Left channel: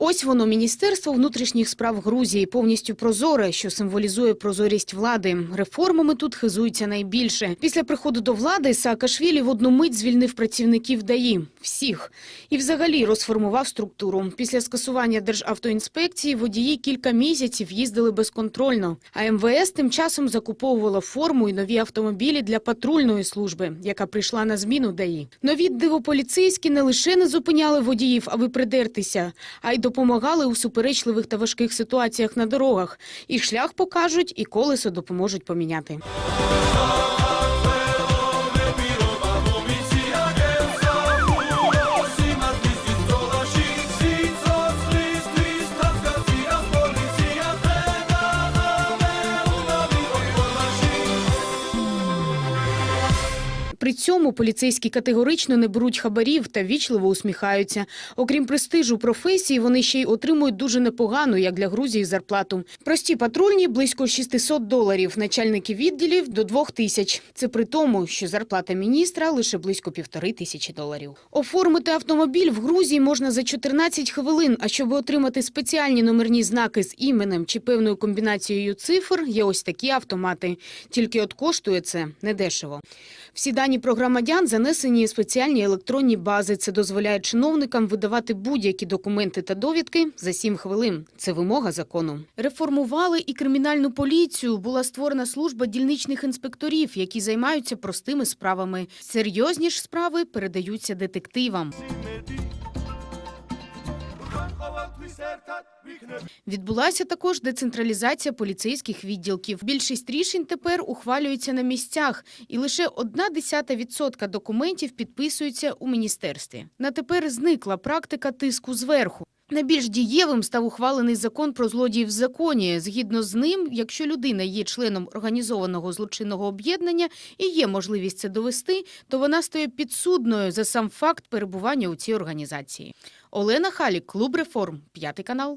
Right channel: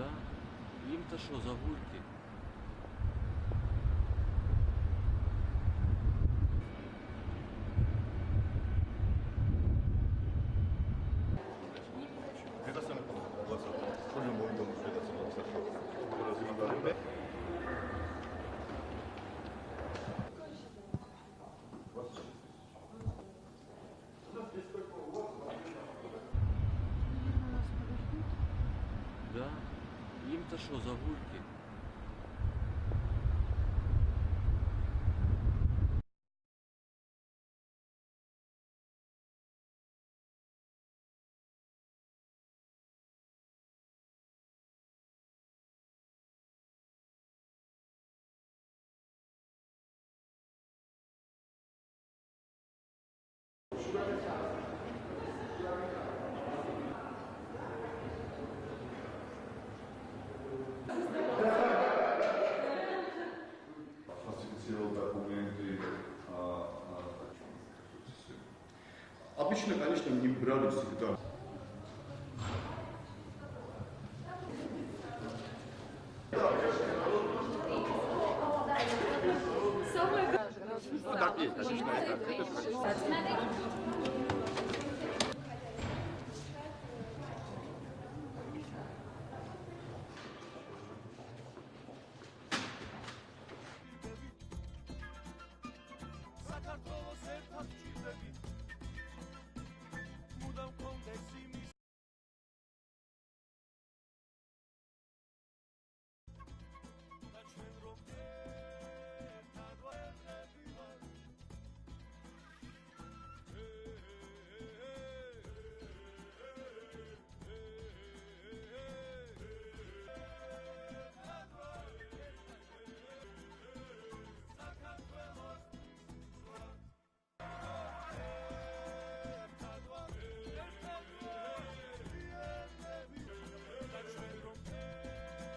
Ось воно міністерство внутрішніх справ Грузії, повністю прозоре, що символізує прозорість влади. Реформами тут хизуються найбільше. Після приходу до влади Саакашвілі в одну мить звільнив працівників ДАІ всіх і взагалі розформував структуру. Після скасування державтоінспекції водії кілька місяців їздили безконтрольно. А МВС тим часом закуповувала форму і нові автомобілі для патрульної служби, яка прийшла на зміну ДАІ. Нові дивополіцейські не лише не зупиняли водіїв, аби придертися, а й допомагали у суперечливих та важких ситуаціях на дорогах. І шлях покажуть, і колесо допоможуть поміняти. При цьому поліцейські категорично не беруть хабарів та вічливо усміхаються. Окрім престижу професії, вони ще й отримують дуже непогану, як для Грузії, зарплату. Прості патрульні – близько 600 доларів, начальники відділів – до 2 тисяч. Це при тому, що зарплата міністра – лише близько півтори тисячі доларів. Оформити автомобіль в Грузії можна за 14 хвилин, а щоб отримати спеціальні номерні знаки з іменем чи певною комбінацією цифр, є ось такі автомати. Тільки от коштує це недешево. Всі дані про громадян занесені у спеціальні електронні бази. Це дозволяє чиновникам видавати будь-які документи та довідки за 7 хвилин. Це вимога закону. Реформували і кримінальну поліцію. Була створена служба дільничних інспекторів, які займаються простими справами. Серйозні ж справи передаються детективам. Відбулася також децентралізація поліцейських відділків. Більшість рішень тепер ухвалюються на місцях, і лише одна десята відсотка документів підписуються у міністерстві. На тепер зникла практика тиску зверху. Найбільш дієвим став ухвалений закон про злодіїв в законі. Згідно з ним, якщо людина є членом організованого злочинного об'єднання і є можливість це довести, то вона стає підсудною за сам факт перебування у цій організації. Олена Халік, клуб реформ, п'ятий канал.